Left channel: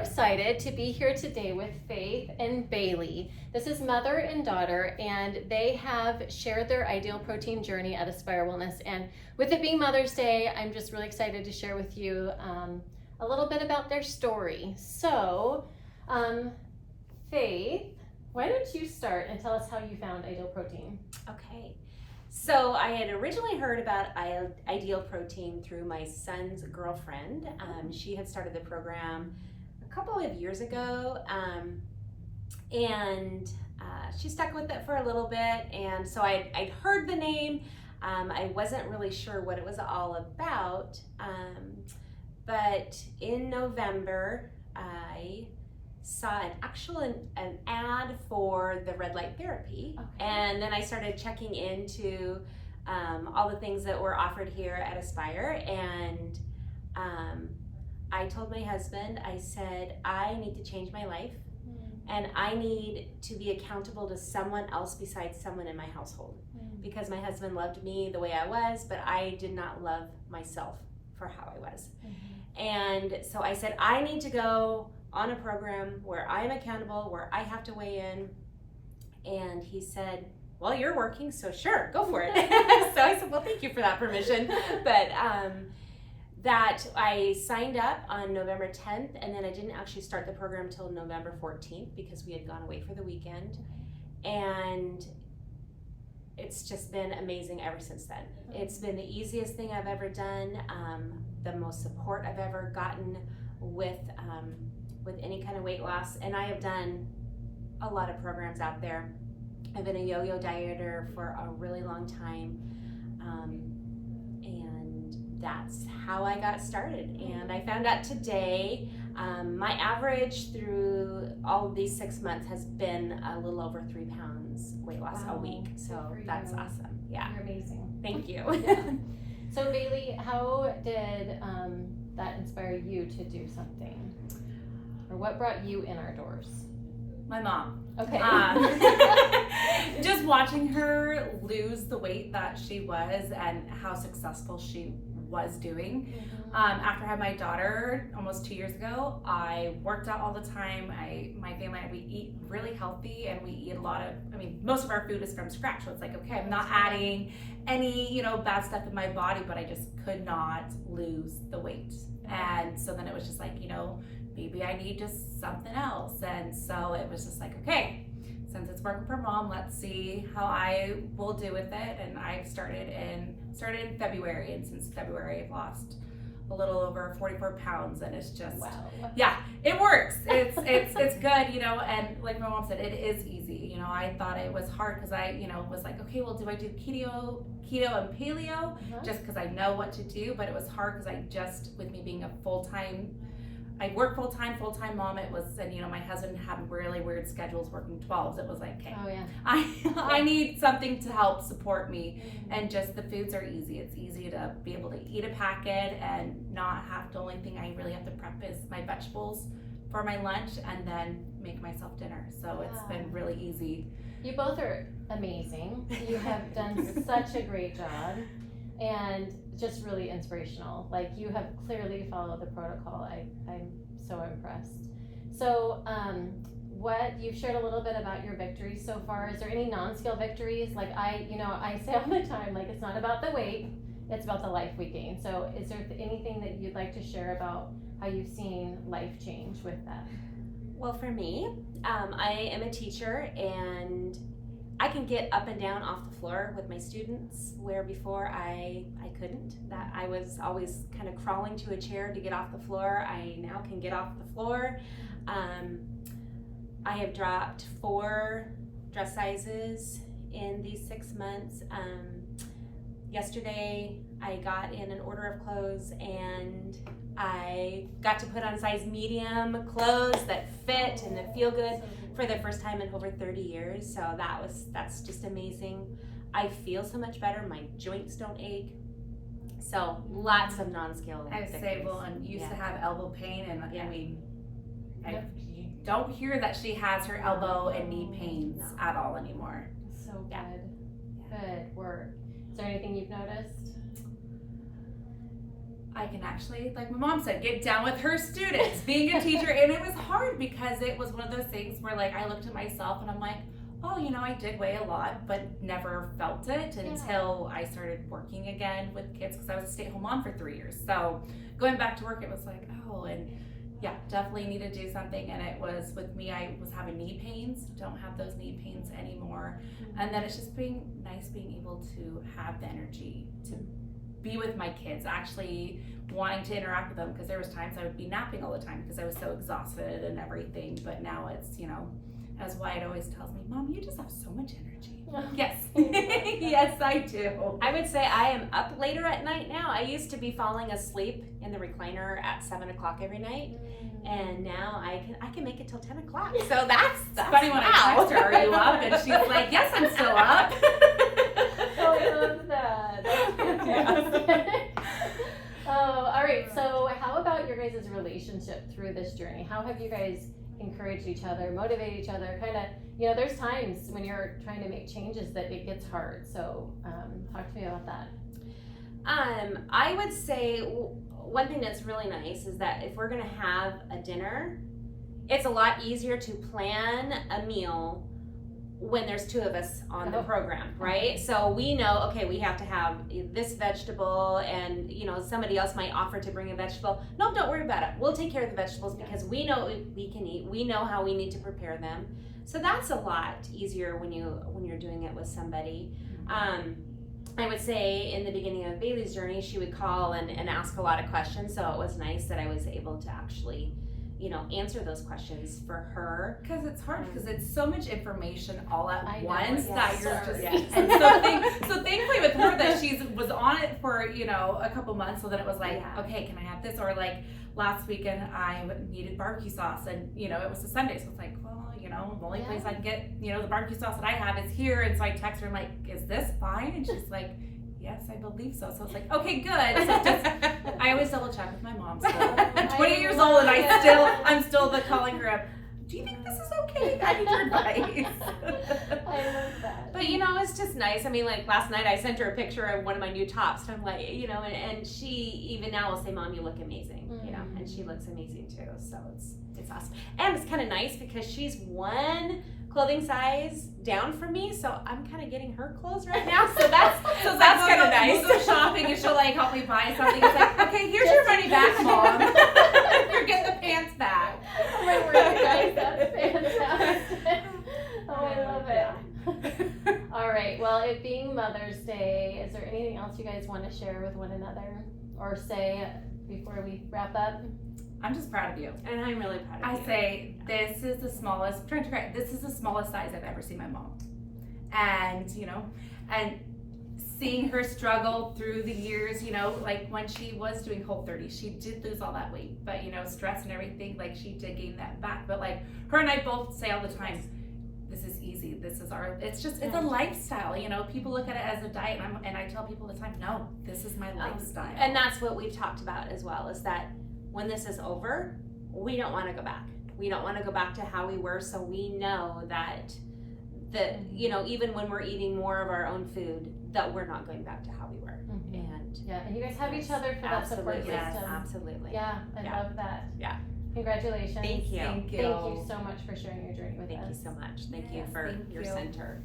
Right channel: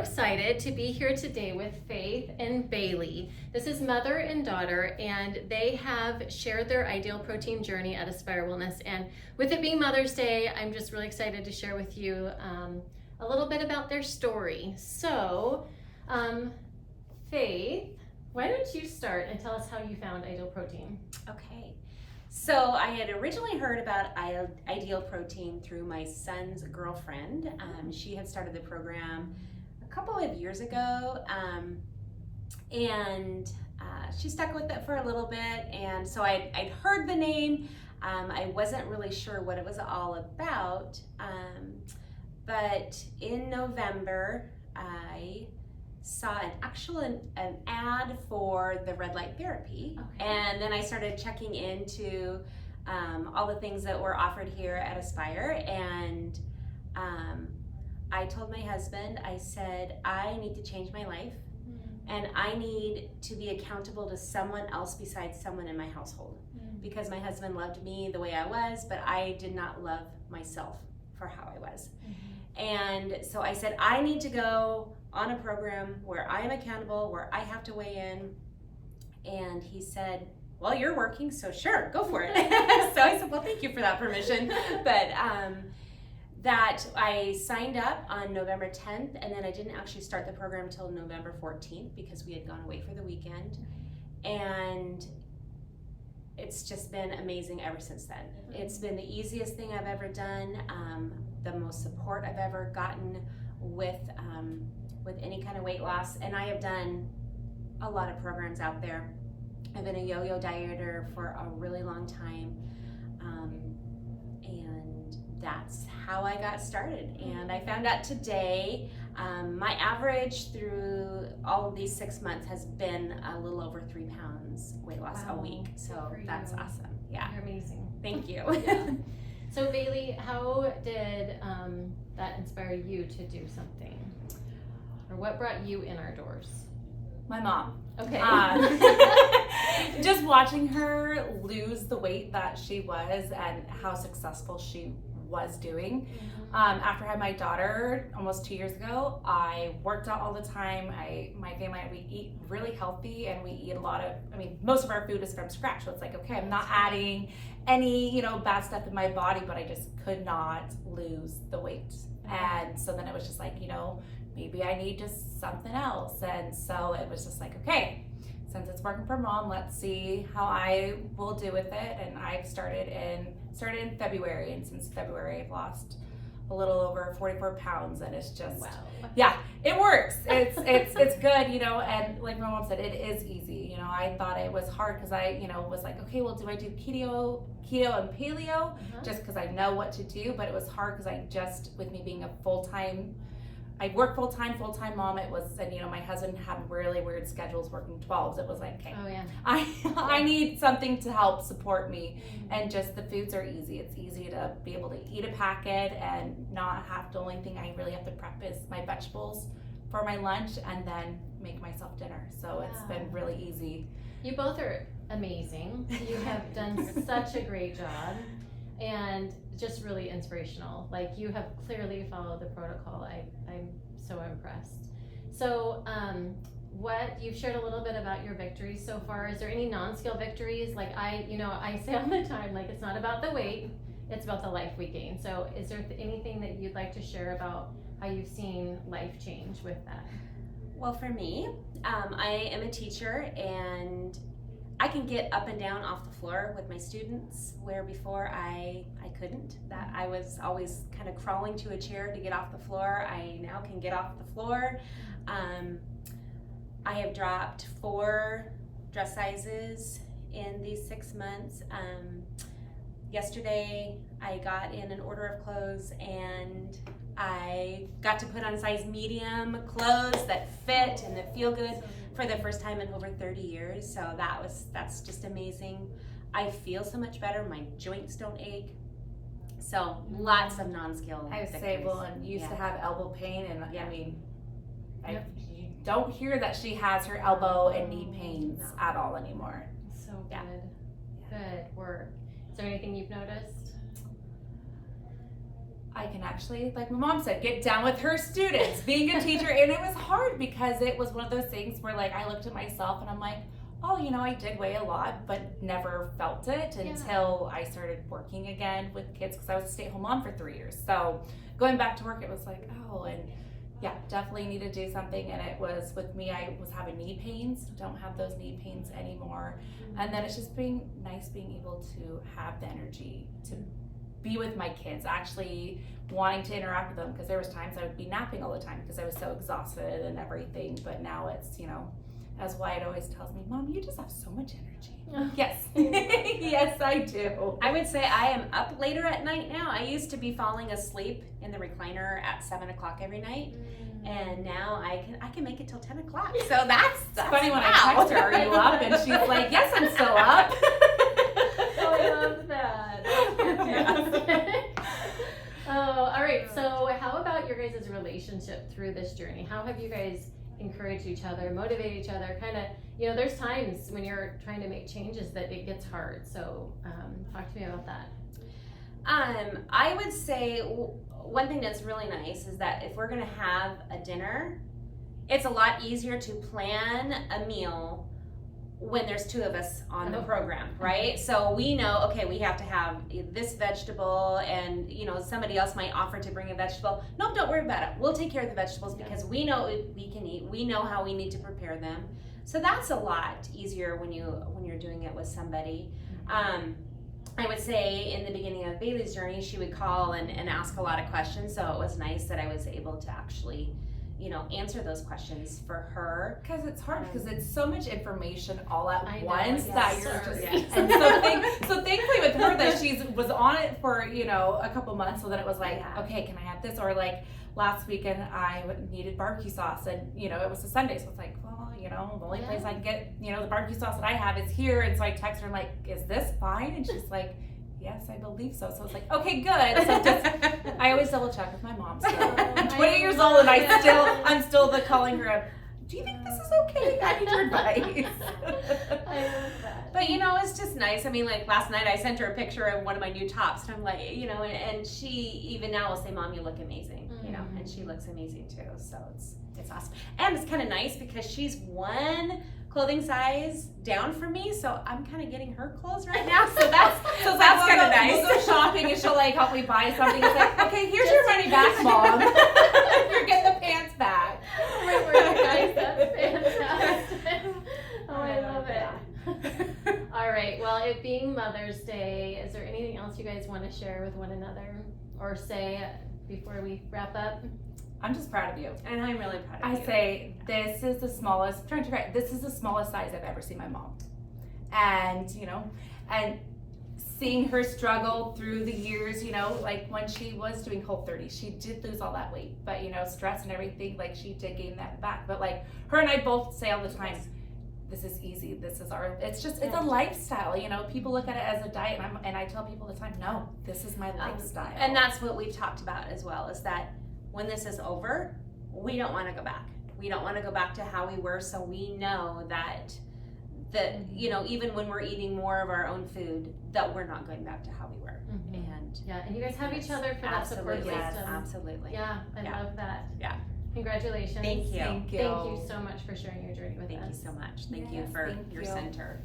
excited to be here today with Faith and Bailey. This is mother and daughter, and they have shared their ideal protein journey at Aspire Wellness. And with it being Mother's Day, I'm just really excited to share with you a little bit about their story. So, Faith, why don't you start and tell us how you found Ideal Protein? Okay. So I had originally heard about Ideal Protein through my son's girlfriend. She had started the program a couple of years ago, and she stuck with it for a little bit. And so I'd heard the name. I wasn't really sure what it was all about, but in November, I saw an ad for the red light therapy. Okay. And then I started checking into all the things that were offered here at Aspire, and I told my husband, I said, I need to change my life, and I need to be accountable to someone else besides someone in my household, because my husband loved me the way I was, but I did not love myself for how I was. And so I said, I need to go on a program where I am accountable, where I have to weigh in. And he said, well, you're working, so sure, go for it. So I said, well, thank you for that permission. But that I signed up on November 10th, and then I didn't actually start the program until November 14th because we had gone away for the weekend. And it's just been amazing ever since then. It's been the easiest thing I've ever done, the most support I've ever gotten with any kind of weight loss. And I have done a lot of programs out there. I've been a yo-yo dieter for a really long time, and that's how I got started. And I found out today my average through all of these 6 months has been a little over 3 pounds weight loss a week. So that's awesome. Yeah. You're amazing. Thank you. Yeah. So Bailey, how did that inspire you to do something? Or what brought you in our doors? My mom. Okay. Just watching her lose the weight that she was and how successful she was doing. After I had my daughter almost 2 years ago, I worked out all the time. My family, we eat really healthy, and we eat a lot of, most of our food is from scratch. So it's like, okay, I'm not adding any, bad stuff in my body, but I just could not lose the weight. And so then it was just like, maybe I need just something else. And so it was just like, okay, since it's working for mom, let's see how I will do with it. And I started in February, and since February I've lost a little over 44 pounds, and it's just, yeah, it works. It's good, and like my mom said, it is easy. I thought it was hard because I, was like, okay, well, do I do keto and paleo just because I know what to do? But it was hard because with me being I work full-time mom, it was, and my husband had really weird schedules working 12s. It was like, okay, I need something to help support me. And just the foods are easy. It's easy to be able to eat a packet and not have, the only thing I really have to prep is my vegetables for my lunch and then make myself dinner. So it's been really easy. You both are amazing. You have done such a great job, and just really inspirational. Like, you have clearly followed the protocol. I'm so impressed. So you've shared a little bit about your victories so far. Is there any non-scale victories? Like I say all the time, like, it's not about the weight, it's about the life we gain. So is there anything that you'd like to share about how you've seen life change with that? Well, for me, I am a teacher, and I can get up and down off the floor with my students, where before I couldn't. That I was always kind of crawling to a chair to get off the floor. I now can get off the floor. I have dropped 4 dress sizes in these 6 months. Yesterday I got in an order of clothes, and I got to put on size medium clothes that fit and that feel good for the first time in over 30 years. So that's just amazing. I feel so much better. My joints don't ache. So lots of non-scale victories. And used to have elbow pain, and you don't hear that she has her elbow and knee pains at all anymore. So good. Good work. Is there anything you've noticed? I can actually, like my mom said, get down with her students, being a teacher. And it was hard because it was one of those things where like I looked at myself and I'm like, oh, you know, I did weigh a lot, but never felt it until I started working again with kids because I was a stay-at-home mom for 3 years. So going back to work, it was like, oh, and yeah, definitely need to do something. And it was with me, I was having knee pains, don't have those knee pains anymore. And then it's just being nice being able to have the energy to be with my kids, actually wanting to interact with them, because there was times I would be napping all the time because I was so exhausted and everything. But now it's, you know, as Wyatt always tells me, Mom, you just have so much energy. Yes. Yes, I do. I would say I am up later at night now. I used to be falling asleep in the recliner at 7 o'clock every night, and now I can make it till 10 o'clock. So that's funny when I text her, are you up? And she's like, yes, I'm still up. Oh, I love that. Oh, all right. So how about your guys' relationship through this journey? How have you guys encouraged each other, motivate each other? Kind of, you know, there's times when you're trying to make changes that it gets hard. So talk to me about that. I would say one thing that's really nice is that if we're gonna have a dinner, it's a lot easier to plan a meal when there's two of us on the program, right? So we know, okay, we have to have this vegetable, and you know, somebody else might offer to bring a vegetable. Nope, don't worry about it. We'll take care of the vegetables because we know we can eat. We know how we need to prepare them. So that's a lot easier when you're doing it with somebody. I would say in the beginning of Bailey's journey, she would call and ask a lot of questions. So it was nice that I was able to actually, you know, answer those questions for her. Because it's hard because it's so much information all at once yes, that you're just. yes. And so thankfully with her that she was on it for, you know, a couple months, so that it was like, okay, can I have this? Or like last weekend I needed barbecue sauce, and you know, it was a Sunday, so it's like, well, you know, the only place I can get, you know, the barbecue sauce that I have is here. And so I text her, I'm like, is this fine? And she's like, yes, I believe so. So it's like, okay, good. So just, I always double check with my mom still. I'm 20 years old and I'm still the calling her up. Do you think this is okay? I need your advice. I love that. But you know, it's just nice. I mean, like last night I sent her a picture of one of my new tops, and I'm like, you know, and she even now will say, Mom, you look amazing, you know, and she looks amazing too. So it's awesome. And it's kind of nice because she's one clothing size down from me, so I'm kind of getting her clothes right now. So that's kind of nice. We'll go shopping and she'll like help me buy something. It's like, okay, here's your money back, Mom. You're getting the pants back. Oh my word, guys, that's fantastic. Oh, I love it. All right, well, it being Mother's Day, is there anything else you guys want to share with one another or say before we wrap up? I'm just proud of you. And I'm really proud of you. I say this is the smallest, this is the smallest size I've ever seen my mom. And, you know, and seeing her struggle through the years, you know, like when she was doing Whole30, she did lose all that weight, but you know, stress and everything, like she did gain that back. But like her and I both say all the time, this is easy. This is it's a lifestyle. You know, people look at it as a diet, and I tell people all the time, no, this is my lifestyle. And that's what we've talked about as well, is that when this is over, we don't want to go back. We don't want to go back to how we were. So we know that you know, even when we're eating more of our own food, that we're not going back to how we were. And and you guys have each other for that support system. Absolutely. Yeah, I love that. Yeah. Congratulations. Thank you. Thank you. Thank you so much for sharing your journey with us. Thank you so much. Thank you for your center.